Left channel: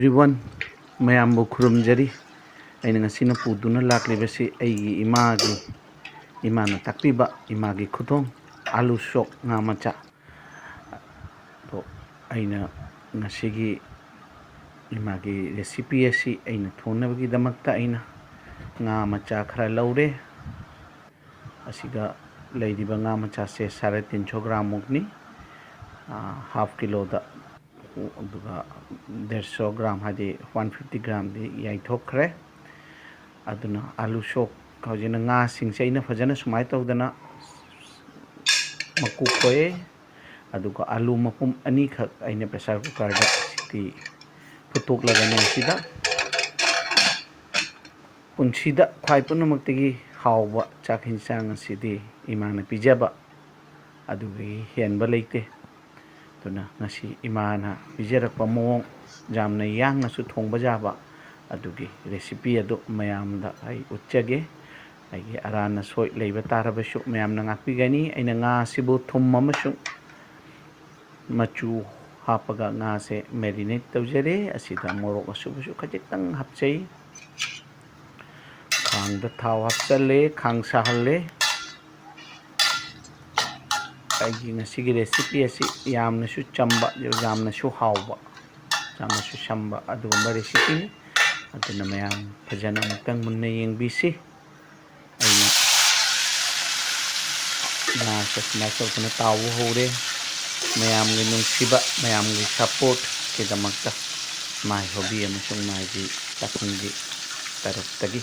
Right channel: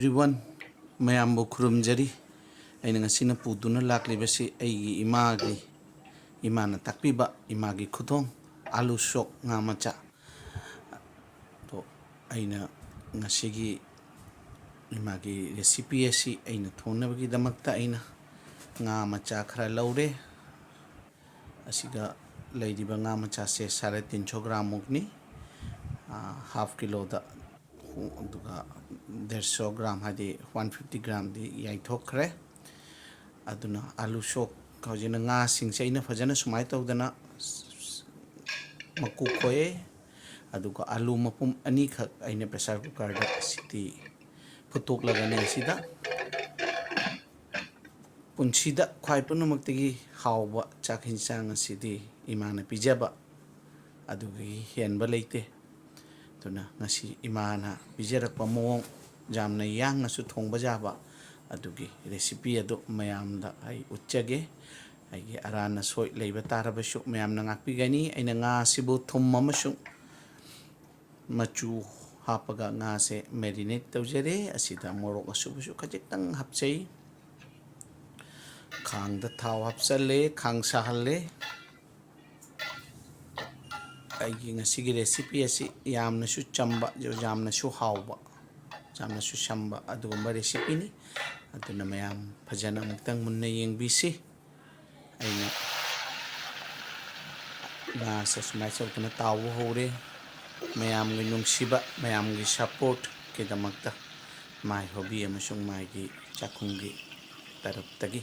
Everyone, mayambu khurumjari aina ngasina puduna laklibasi aigi imana takpiba imagi Khuthong Aloo sok nga macha to aina ngasigi imagi recipe asi aina thonabagi damakta aina nga macha khara laure asiga leidiba nga macha se 350 gram mukni half kilo da aduga 150 gram hadi 150 gram di yaithokre aduna Aloo sok kaujina nga singse aina fajana sumai tawdana maku koe aduga Aloo mapum ani khak aina pressure cooker da siti putuk lagane sida punsida khwai punamakti hawba chak hinsang sidi imana pijaba adugi henba leite tuna ngasi imana pijarakpa mawong jamna yangnasu thongba jaba adugi recipe adu mayamda ai utchage aigi arana soi leiba tarabasu mayamna ngakpigani aina nga sibu thum amasung machu hapaga nga se marinate tawjare asida morok asubusu khajitang hapchai khang da thaw hapchale khang sahalle aigi ngasigi recipe asi yamnasu chamba yamnasu hawba yamnasu samba adugumba recipe ni aduna mayam fajana mutang munna yengbisi aina na sasna sokna tawu hore mayam gi nungsiba mayam gi support ke damakta mai hobby amasung mai gi takhungi taruktagi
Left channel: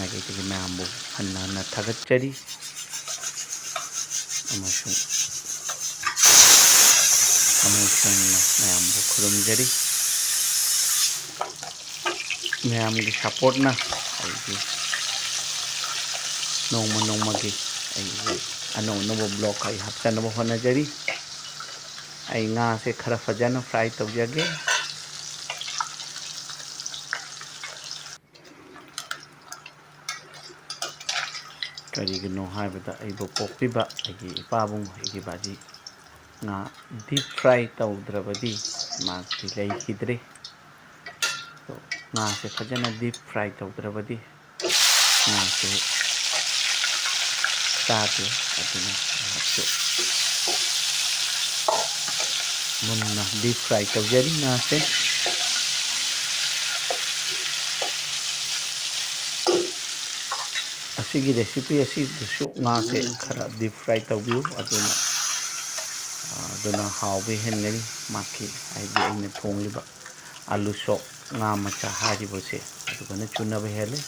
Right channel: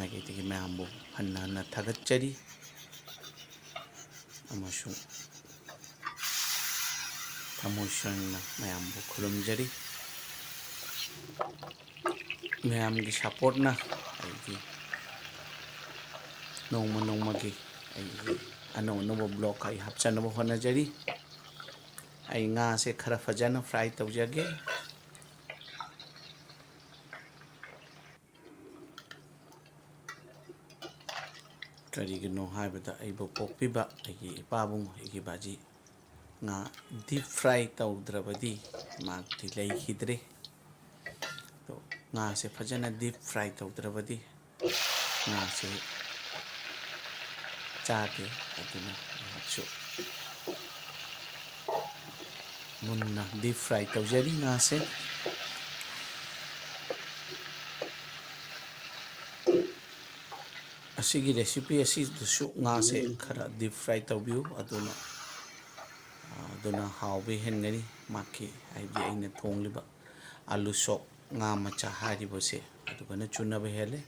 nagi tigi mayambu hanna thagatchari amasung mayambu khurumjari mayam gi support na aigi nongma gi aigi ano blog ai hapchanaba honajari ai nga se khara fajana fry tawjage karigino haibada aibo pokpiba aigi ipabung aigi baji nga deep fry tawdrabadi magti leikidre to nga se fajana deep fry tawdrabadi nga se chate aduna hapso munna deep fry tawjari nga se asigi recipe asi dusu nga se khara deep fry tawbiu aduna hawbe hengani maki aigi aina thongliba Aloo sok nga macha haribose adugana chunaba hele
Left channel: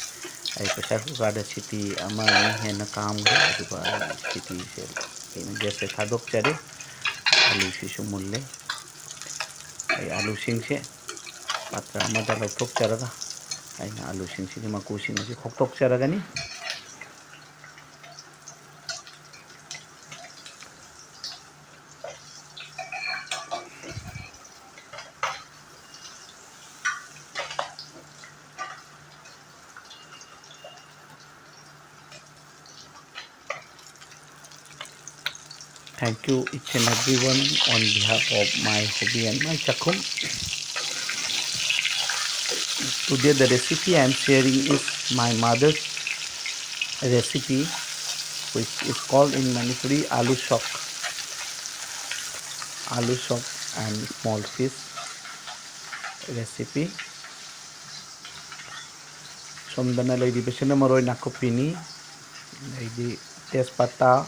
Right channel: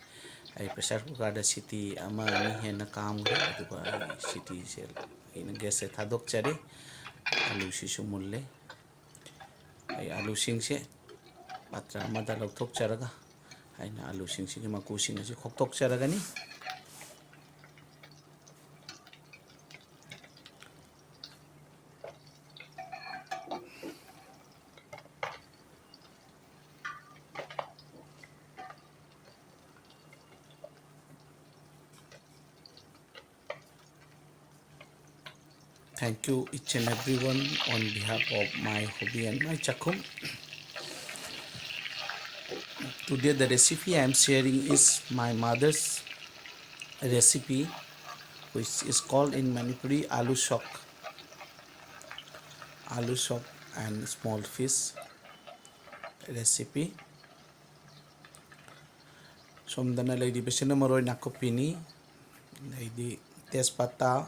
ai pressure cooker da siti ama hena kam ga aduga siti se jese thadok chare Aloo sisu mulle ai Aloo singse patra amada lokthok charaga aina Aloo singsi gi maku singsi khoktok charagani Thank you each and everyone on behalf of my hobby and my chakum. Today the recipe I am sharing is my mother's recipe, which is called in Manipuri Aloo sok. Aloo sok and small fish recipe. Somdana lady besina maroi nakupini, lady tespata,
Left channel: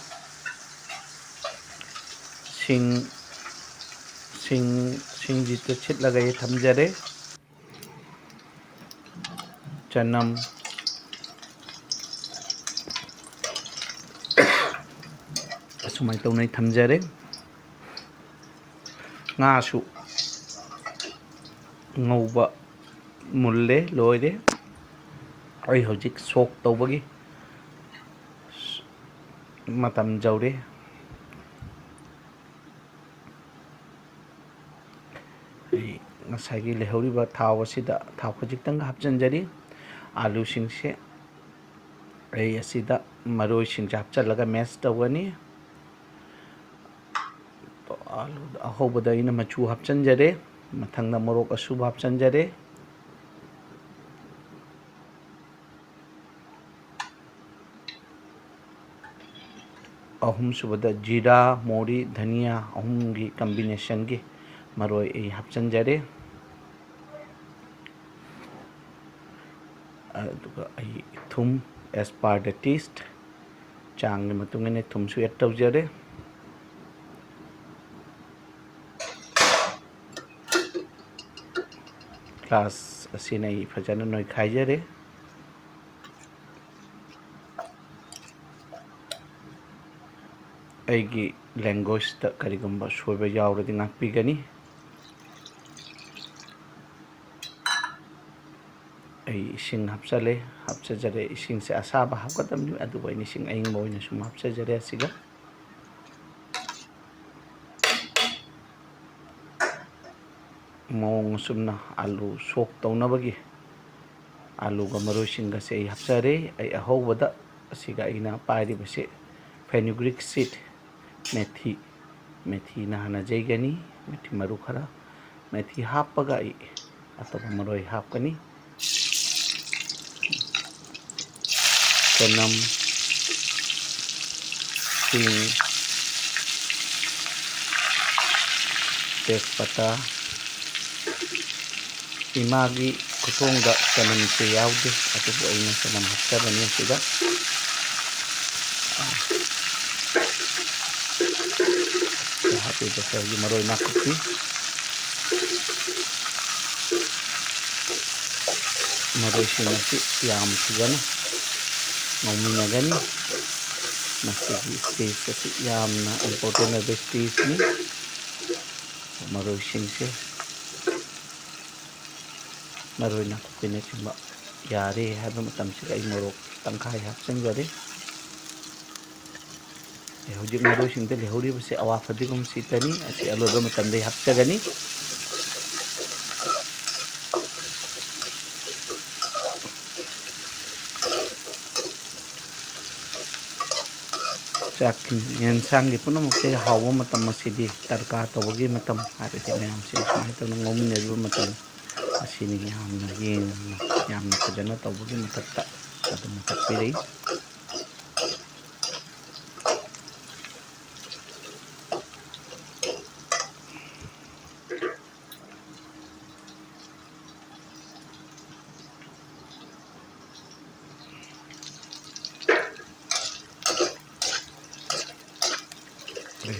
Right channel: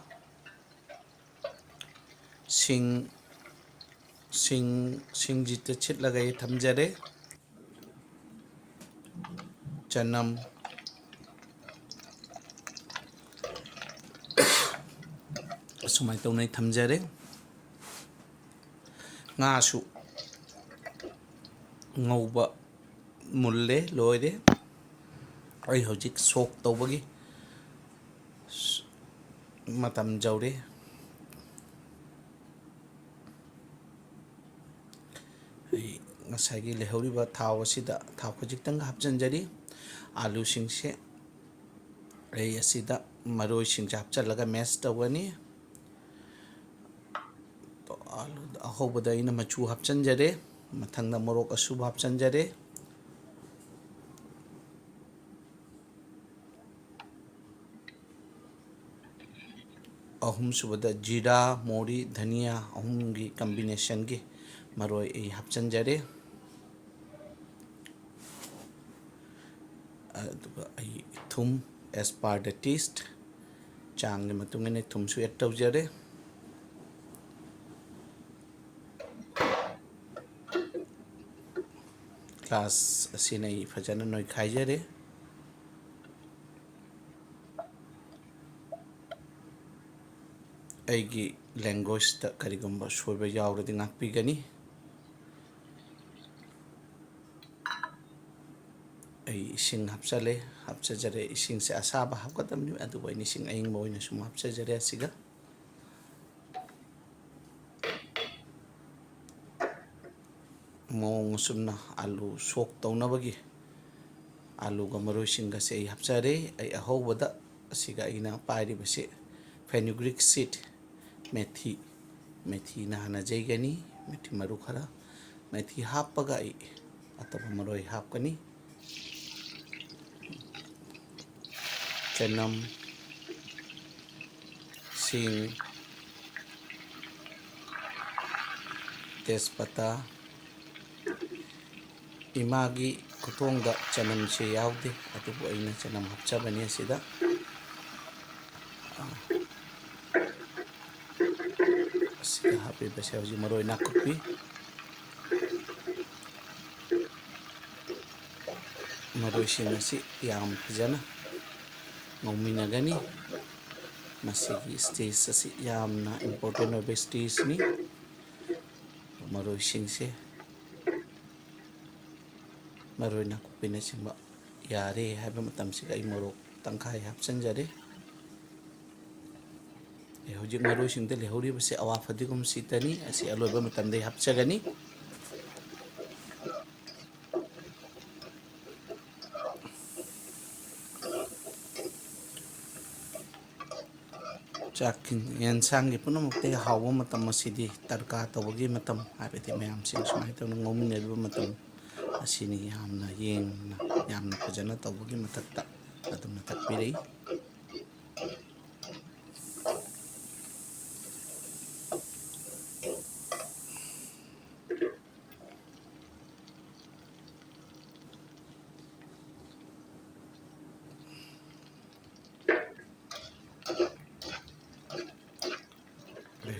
singjita chit lagaye thamjare, chanam asumai tawnai thamjare, nga su ngauba mulle loire ai hojik sok tawbagi matam jaure ngasagi lehoriba thaw asida thaw khajitang hapjanjari Aloo singse ai asida maroi sing hapchalaga mash tawani to Aloo ahobada ina machu hapchanjare ꯃꯊꯪꯗ ꯃꯣꯔꯣꯛ ꯑꯁꯨꯕ ꯍꯥꯞꯆꯟꯖꯔꯦ. ꯑꯍꯨꯝꯁꯨꯕꯗ ꯖꯤꯔꯥ, ꯃꯣꯔꯤ, ꯙꯅꯤꯌꯥ ꯑꯍꯨꯝꯒꯤ ꯀꯝꯕꯤꯅꯦꯁꯟꯒꯤ ꯃꯔꯣꯏ ꯑꯩ ꯍꯥꯞꯆꯟꯖꯔꯦ. ꯑꯗꯨꯒ ꯑꯩ ꯊꯨꯝ ꯑꯦꯁ ꯄꯥꯔ ꯗ ꯇꯦꯁꯠ ꯆꯥꯡꯒꯤ ꯃꯇꯨꯡ ꯏꯟꯅ ꯊꯨꯝꯁꯨ ꯑꯦꯗ ꯇꯧꯖꯔꯦ. ꯒ꯭ꯂꯥꯁ ꯑꯁꯤꯅ ꯑꯩ ꯐꯖꯅ ꯅꯣꯏꯈꯥꯏꯖꯔꯦ. ꯑꯩꯒꯤ ꯂꯦꯡꯒ꯭ꯋꯦꯖꯇ ꯀꯔꯤꯒꯨꯝꯕ ꯁꯣꯏꯕ ꯌꯥꯎꯔꯗꯤ ꯉꯥꯛꯄꯤꯒꯅꯤ. ꯑꯩ ꯏꯁꯤꯡ ꯍꯥꯞꯆꯖꯔꯦ. ꯏꯁꯤꯡꯁꯦ ꯑꯁꯥꯕ ꯍꯥꯞꯀꯗꯕꯅꯤ, ꯑꯗꯨꯕꯨ ꯑꯩꯅ ꯏꯁꯤꯡ ꯑꯏꯪꯕ ꯑꯣꯏꯅ ꯁꯨꯝ ꯍꯥꯞꯆꯖꯔꯦ ꯑꯁꯤꯒ. ꯃꯑꯣꯡ ꯑꯁꯨꯝꯅ ꯑꯥꯂꯨ ꯁꯣꯛ ꯇꯧꯅꯕꯒꯤ ꯑꯥꯂꯨꯒ ꯃꯔꯣꯏꯁꯤꯡꯒꯁꯦ ꯑꯩ ꯍꯥꯞꯆꯔꯦ. ꯑꯩ ꯑꯍꯧꯕꯗ ꯑꯁꯤꯒ ꯑꯩꯅ ꯄꯥꯏꯔꯤꯕꯁꯦ ꯐꯦꯅꯨꯒ꯭ꯔꯤꯛ ꯁꯤꯠ, ꯃꯦꯊꯤꯅ ꯍꯥꯟꯅ ꯌꯩꯒꯅꯤ, ꯃꯦꯊꯤ ꯃꯔꯨ ꯈꯔ. ꯃꯦꯊꯤ ꯍꯥꯞꯄꯒ ꯑꯩ ꯑꯇꯣꯞꯄ ꯃꯔꯣꯏ ꯍꯥꯞꯀꯅꯤ. ꯆꯅꯝ, ꯁꯤꯡ, ꯇꯦꯖꯄꯇꯥ. ꯏꯃꯥꯒꯤ ꯈꯨꯊꯣꯡꯗ ꯆꯅꯝꯁꯦ ꯌꯥꯎꯗꯦ, ꯑꯗꯨꯕꯨ ꯑꯩꯅ ꯆꯅꯝ ꯍꯥꯞꯆꯕꯅꯤ ꯑꯁꯤꯗ. ꯍꯥꯞꯄꯤꯕꯁꯦ ꯍꯧꯖꯤꯛ ꯃꯔꯣꯏ ꯅꯥꯀꯨꯞꯄꯤ, ꯃꯔꯣꯏꯁꯤꯡ ꯑꯁꯤ ꯌꯥꯝ ꯐꯖꯅ ꯉꯧꯃꯤꯟꯅꯒꯅꯤ. ꯃꯁꯤꯒꯤ ꯁ꯭ꯇꯦꯖ ꯑꯁꯤ ꯌꯥꯝꯅ ꯏꯝꯄꯣꯔꯇꯦꯟ ꯑꯣꯏꯕ ꯁ꯭ꯇꯦꯖꯅꯤ. ꯃꯔꯣꯏꯁꯤꯡꯁꯦ, ꯃꯔꯣꯏ ꯅꯥꯀꯨꯞꯄꯤꯅꯆꯤꯡꯕ ꯌꯥꯔꯦ ꯍꯥꯏꯕ ꯃꯇꯝꯁꯤꯗ ꯑꯩ ꯃꯣꯔꯣꯛ ꯇꯪꯈꯥꯏ ꯍꯥꯞꯆꯤꯟꯖꯔꯦ. ꯍꯧꯖꯤꯛ ꯃꯔꯣꯏꯁꯤꯡꯗ ꯂꯩꯍꯧꯔꯤꯕꯁꯦ ꯑꯋꯥ ꯐꯗꯤꯒꯣꯝ ꯁꯤꯠꯇꯅꯤ, ꯑꯁꯤ ꯑꯂꯣꯏꯕ ꯃꯇꯝꯗ ꯍꯥꯞꯆꯒꯅꯤ. ꯌꯦꯟꯁꯥꯡꯒꯤ ꯄꯨꯝꯅꯃꯛꯇ ꯍꯥꯎꯕ ꯃꯇꯝ ꯑꯁꯤꯗꯤ ꯇꯔꯀꯥ ꯇꯧꯕꯒꯤ ꯃꯇꯝ, ꯍꯥꯏꯕꯗꯤ ꯃꯌꯥꯝꯁꯦ ꯁꯨꯃꯥꯏꯅ ꯇꯧꯅ ꯉꯧꯃꯤꯟꯅꯔꯤꯕ ꯃꯇꯝ ꯑꯁꯤꯅꯤ ꯌꯥꯝꯅ ꯐꯖꯅ ꯇꯧꯕꯒꯤ ꯃꯊꯛꯇ ꯑꯗꯨꯅ ꯇꯥꯛꯄꯤꯔꯛꯏ꯫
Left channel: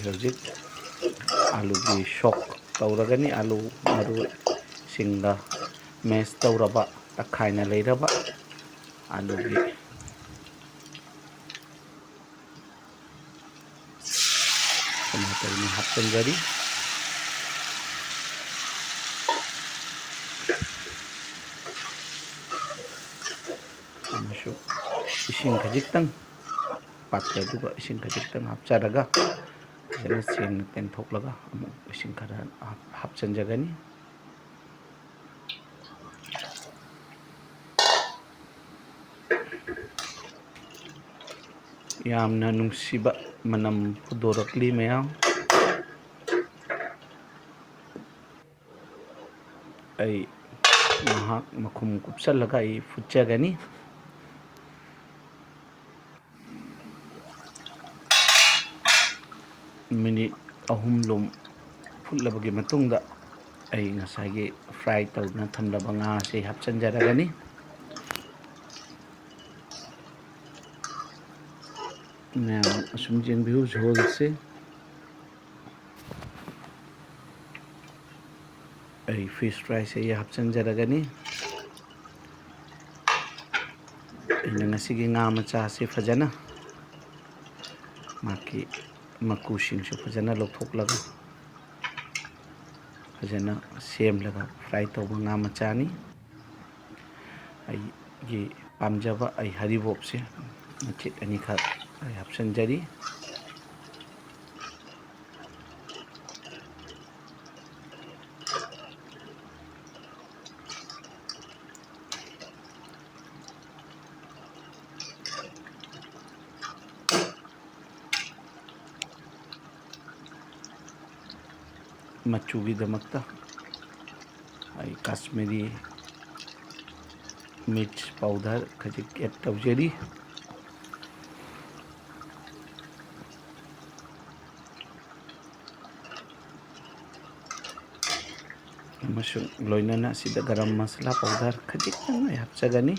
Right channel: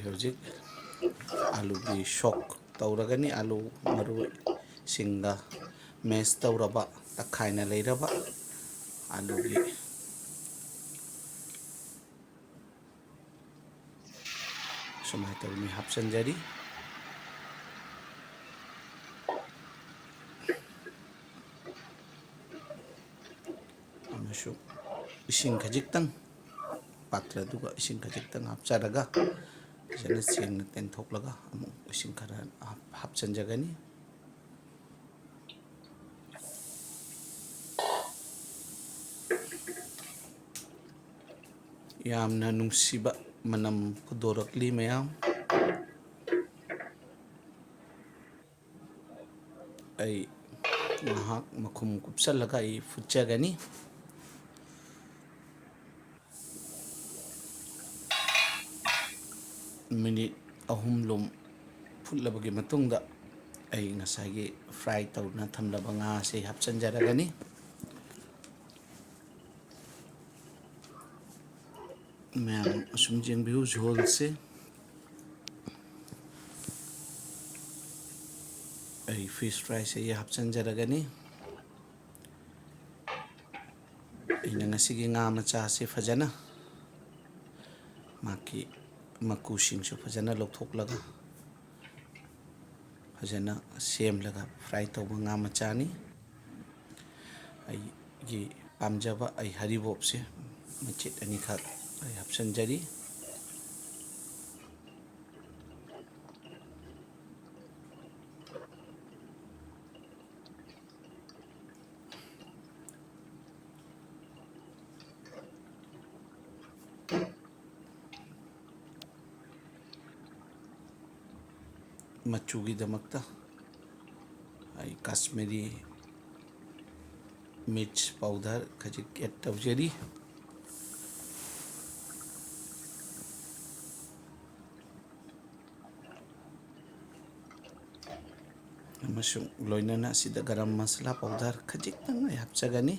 ꯍꯧꯖꯤꯛ ꯑꯥꯂꯨꯒꯤ ꯁꯣꯛ ꯇꯧꯔꯒꯅꯤ. ꯑꯥꯂꯨ ꯃꯔꯨꯁꯤꯡꯒ ꯃꯦꯁ ꯇꯧꯔꯕ, ꯇꯛꯈꯥꯏꯅ ꯂꯩꯔꯕ ꯑꯥꯂꯨꯒꯤ ꯁꯨꯃꯥꯏꯅ ꯇꯧꯅ ꯍꯥꯞꯆꯤꯟꯖꯔꯤ. ꯑꯃꯁꯨꯡ ꯏꯁꯤꯡ ꯈꯖꯤꯛꯇꯪ, ꯄꯥꯇ꯭ꯔꯗꯨꯒ ꯏꯁꯤꯡ ꯈꯖꯤꯛꯇꯪ ꯍꯥꯞꯆꯔꯒ ꯐꯖꯅ ꯁꯦꯡꯅ ꯇꯦꯡꯊꯣꯛꯂꯒ ꯑꯃꯨꯛ ꯏꯁꯤꯡ ꯈꯔ ꯍꯥꯞꯆꯤꯟꯖꯒꯅꯤ. ꯌꯥꯝꯅ ꯅꯨꯡꯁꯤꯕ ꯃꯅꯝ ꯐꯨꯗꯣꯔꯛꯂꯤ ꯃꯌꯥꯝ. ꯑꯩ ꯉꯥꯏꯍꯥꯛ ꯃꯈꯨꯝ ꯀꯨꯞꯁꯜꯂꯒ ꯑꯩ ꯐꯨꯠꯆꯒꯅꯤ. ꯃꯤꯅꯤꯠ 3 ꯐꯨꯠꯂꯕꯒꯤ ꯃꯇꯨꯡꯗ ꯑꯩ ꯉꯁꯥꯏꯒꯤ ꯐ꯭ꯔꯥꯏ ꯇꯧꯗꯨꯅ ꯊꯝꯂꯕ ꯉꯥ ꯑꯁꯤ ꯍꯥꯞꯆꯤꯟꯖꯔꯒꯅꯤ. ꯃꯌꯥꯝ ꯑꯁꯨꯝ ꯌꯦꯡꯕꯤꯌꯨ ঝোলꯁꯦ. ꯑꯩ ꯐꯤꯁ ꯐ꯭ꯔꯥꯏꯁꯦ ꯑꯩ ꯍꯥꯞꯆꯤꯟꯖꯔꯒꯅꯤ. ꯑꯩꯅ ꯉꯁꯤꯒꯤ ꯉꯥ ꯃꯆꯥꯁꯤ ꯐꯖꯅ ꯃꯥꯒꯤ ꯃꯀꯨꯁꯤꯡꯁꯨ ꯐꯖꯅ ꯂꯧꯊꯣꯛꯂꯒ ꯐꯖꯅ ꯁꯦꯝꯂꯒ ꯐ꯭ꯔꯥꯏ ꯇꯧꯕ ꯉꯥ ꯃꯆꯥꯅꯤ. ꯑꯩꯒꯤ ꯄꯥꯝꯖꯕ ꯑꯩ ꯍꯔꯤꯕꯣꯞꯁꯦ ꯃꯆꯦꯠ ꯑꯅꯤꯈꯛ ꯑꯩ ꯍꯥꯞꯆꯤꯟꯖꯔꯤ. ꯃꯆꯨꯒꯤꯗꯃꯛꯇ Kashmiri मिर्च पाउडर खजिक एड तौजरी लोनना गरम मसाला पाउडर खजिक हापचगनी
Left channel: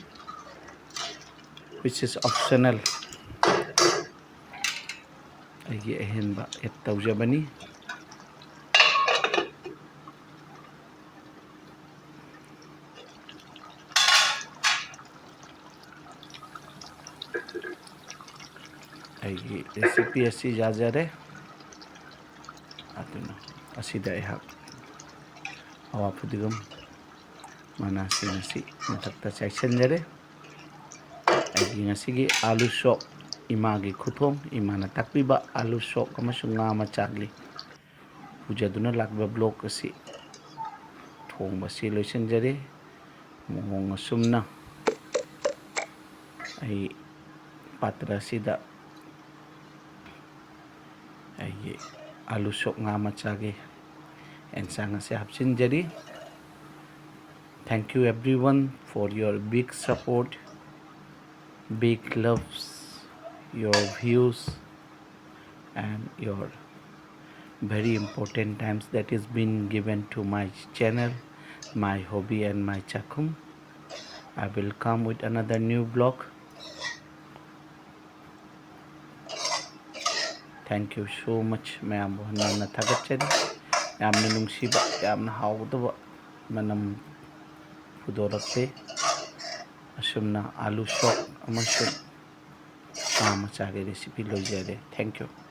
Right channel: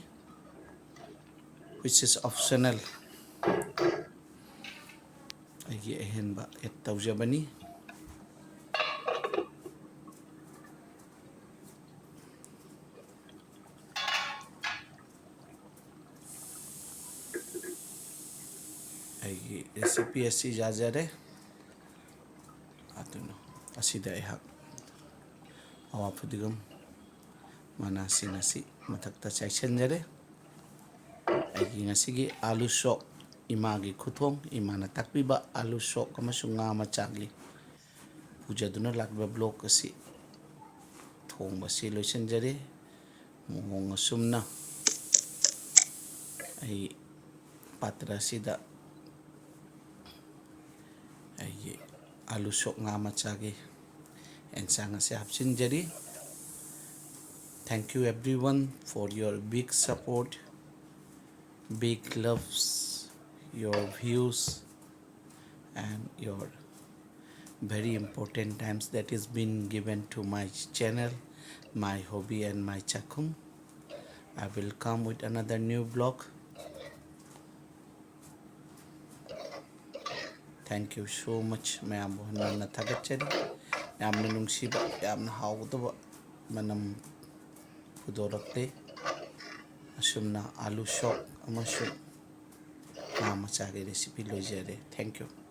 which is optional अगी अहनबा एड तौजबनी अगी रेसिपी असी जाजरे अदुना असिदा एहा हवा फुदिगम मनासी मथक्ता चाइसनजरे अगी ngasiगी आलू शॉक इमागी खुथोंग इमाना ताकपीबा आलू शॉक अमसुंग nga machagli पूजादुना लाकबा ब्लॉक असी थोंबसी लोइसनजरे मोंग असुमना आई पात्र असिदा आई आलू शॉक nga machage एंसांग असे हापसिनजरी Thank you everyone for your big support, big loves, your views and your very important times that is been given to my channel, my hobby and my chakum. I will come with another new vlog. Thank you so much ma'am na thagachari yamna nungsiba yamna hawdaba manam pudorakte asumna aloo shop amashu machage recipe loijare. Thank you.